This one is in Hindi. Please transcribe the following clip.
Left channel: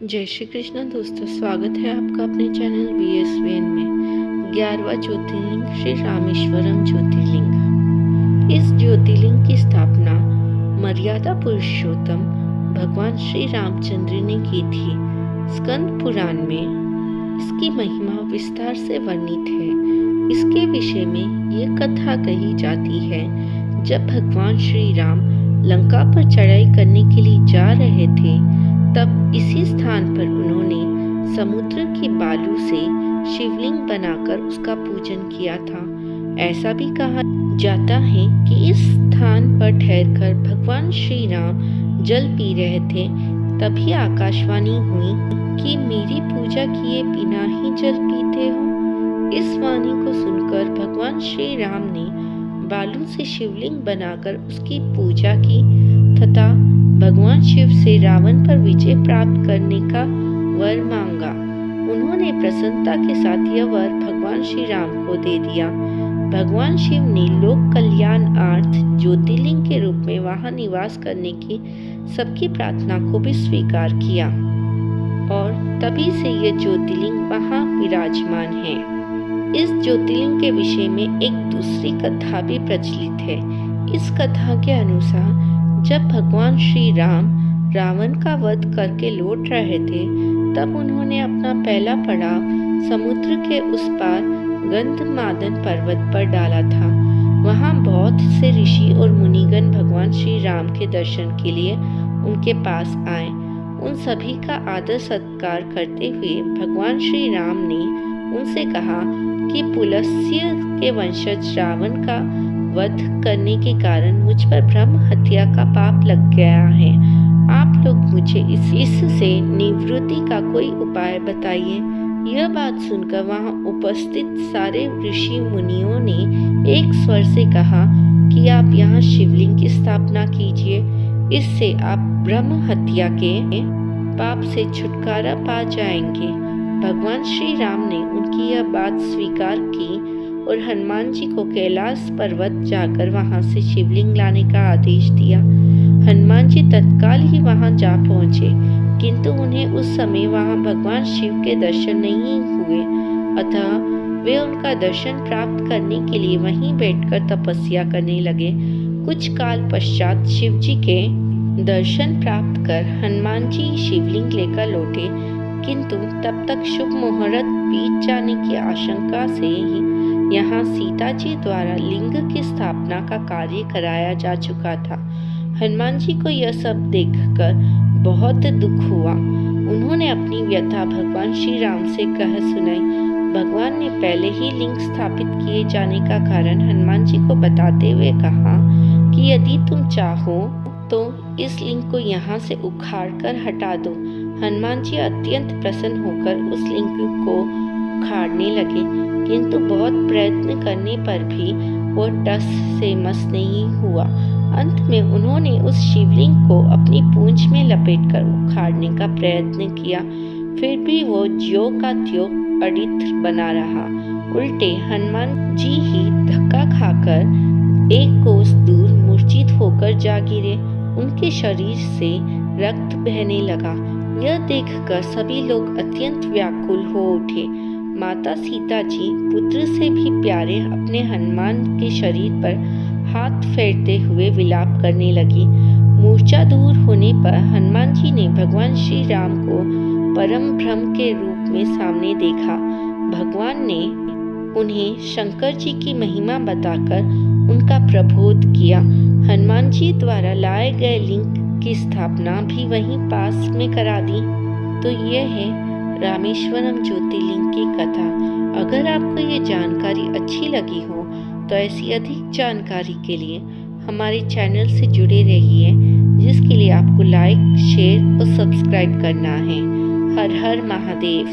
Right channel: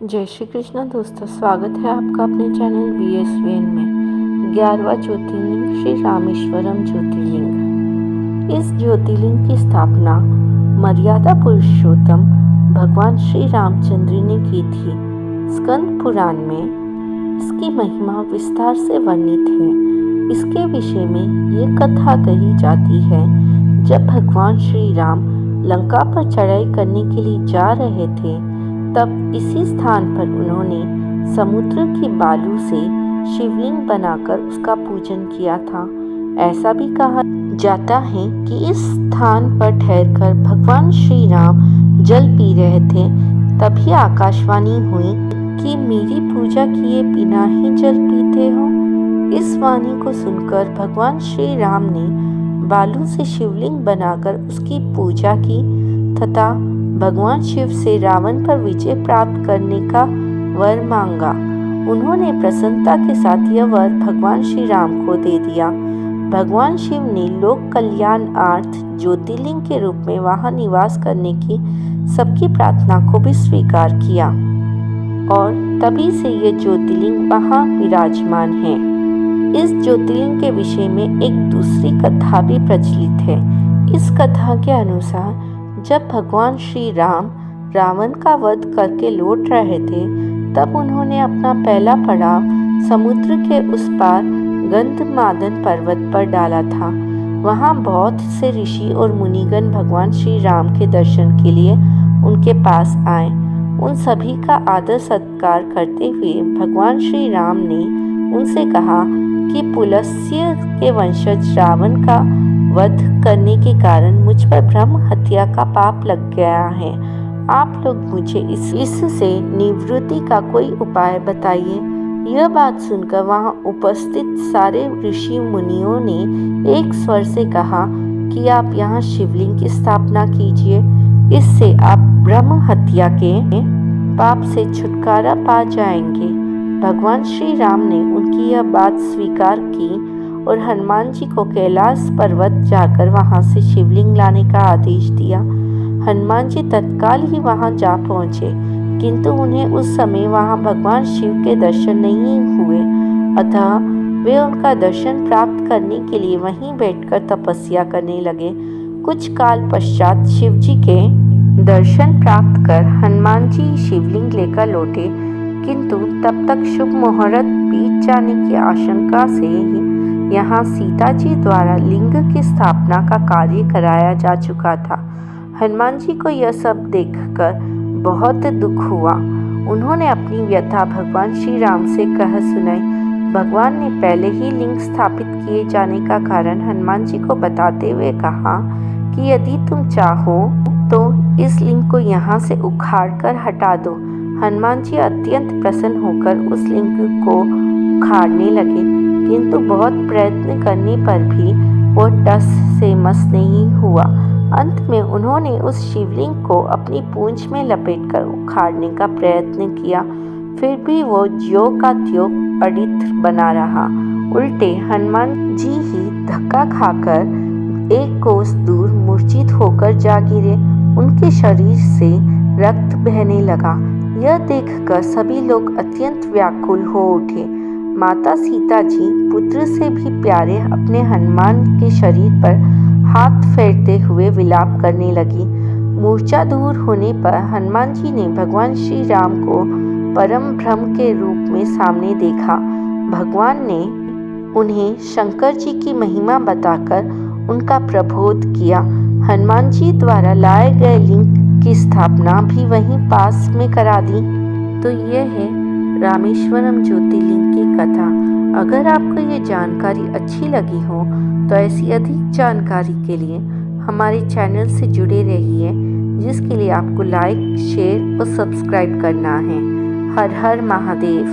जय श्री कृष्ण दोस्तों, स्वागत है आपका अपने चैनल VSVN में। 11वां ज्योतिर्लिंग श्री रामेश्वरम ज्योतिर्लिंग। इस ज्योतिर्लिंग की स्थापना मर्यादा पुरुषोत्तम भगवान श्री रामचंद्र ने की थी। स्कंद पुराण में इसकी महिमा विस्तार से वर्णित है। इसके विषय में ये कथा कही जाती है, जब भगवान श्री राम लंका पर चढ़ाई करने के लिए जा रहे थे, तब इसी स्थान पर उन्होंने समुद्र की बालू से शिवलिंग बनाकर उसका पूजन किया था। ऐसा भी कहा जाता है कि इस स्थान पर ठहरकर भगवान श्री राम जल पी रहे थे, तभी आकाशवाणी हुई कि मेरी पूजा किए बिना ही जल पीते हो। इस वाणी को सुनकर भगवान श्री राम ने बालू से शिवलिंग बनाकर उसकी पूजा की तथा भगवान शिव से रावण पर विजय प्राप्त करने का वर मांगा। उन्होंने प्रसन्नता के साथ यह वर भगवान श्री राम को दे दिया। भगवान शिव ने लोक कल्याणार्थ ज्योतिर्लिंग के रूप में वहां निवास करने की सबकी प्रार्थना को भी स्वीकार किया और तभी से यह ज्योतिर्लिंग वहां विराजमान है। इस ज्योतिर्लिंग के विषय में एक दूसरी कथा भी प्रचलित है। इस कथा के अनुसार जब भगवान श्री राम रावण का वध करके लौट रहे थे, तब उन्होंने अपना पहला पड़ाव समुद्र के उस पार गंधमादन पर्वत पर डाला था। वहां बहुत से ऋषि और मुनिगण भगवान श्री राम के दर्शन के लिए उनके पास आए। उन सभी का आदर सत्कार करते हुए भगवान श्री राम ने उनसे कहा कि पुलस्त्य के वंशज रावण का वध करने के कारण मुझ पर ब्रह्म हत्या का पाप लग गया है। आप लोग मुझे इससे निवृत्ति का कोई उपाय बताइए। यह बात सुनकर वहां उपस्थित सारे ऋषि मुनियों ने एक स्वर से कहा कि आप यहाँ शिवलिंग की स्थापना कीजिए। इससे आप ब्रह्म हत्या के पाप से छुटकारा पा जाएंगे। भगवान श्री राम ने उनकी यह बात स्वीकार की और हनुमान जी को कैलाश पर्वत जाकर वहां से शिवलिंग लाने का आदेश दिया। हनुमान जी तत्काल ही वहां जा पहुंचे, किंतु उन्हें उस समय वहां भगवान शिव के दर्शन नहीं हुए। अतः वे उनका दर्शन प्राप्त करने के लिए वहीं बैठकर तपस्या करने लगे। कुछ काल पश्चात शिव जी के दर्शन प्राप्त कर हनुमान जी शिवलिंग लेकर लौटे, किंतु तब तक शुभ मुहूर्त बीत जाने की आशंका से ही यहाँ सीता जी द्वारा लिंग की स्थापना का कार्य कराया जा चुका था। हनुमान जी को यह सब देखकर बहुत दुख हुआ। उन्होंने अपनी व्यथा भगवान श्री राम से कह सुनाई। भगवान ने पहले ही लिंग स्थापित किए जाने का कारण हनुमान जी को बताते हुए कहा कि यदि तुम चाहो तो इस लिंग को यहाँ से उखाड़ कर हटा दो। हनुमान जी अत्यंत प्रसन्न होकर उस लिंग को उखाड़ने लगे, किंतु बहुत प्रयत्न करने पर भी वो टस से मस नहीं हुआ। अंत में उन्होंने उस शिवलिंग को अपनी पूंछ में लपेटकर उखाड़ने का प्रयत्न किया, फिर भी वो ज्यों का त्यों अडिग बना रहा। उल्टे हनुमान जी ही धक्का खाकर एक कोस दूर मूर्छित होकर जा गिरे। उनके शरीर से रक्त बहने लगा। यह देखकर सभी लोग अत्यंत व्याकुल हो उठे। माता सीता जी पुत्र से भी प्यारे अपने हनुमान के शरीर पर हाथ फेरते हुए विलाप करने लगी। मूर्छा दूर होने पर हनुमान जी ने भगवान श्री राम को परम ब्रह्म के रूप में सामने देखा। भगवान ने उन्हें शंकर जी की महिमा बताकर उनका प्रबोध किया। हनुमान जी द्वारा लाए गए लिंग की स्थापना भी वहीं पास में करा दी। तो यह है रामेश्वरम ज्योतिर्लिंग की कथा। अगर आपको ये जानकारी अच्छी लगी हो तो ऐसी अधिक जानकारी के लिए हमारे चैनल से जुड़े रहिए, जिसके लिए आपको लाइक, शेयर और सब्सक्राइब करना है। हर हर महादेव।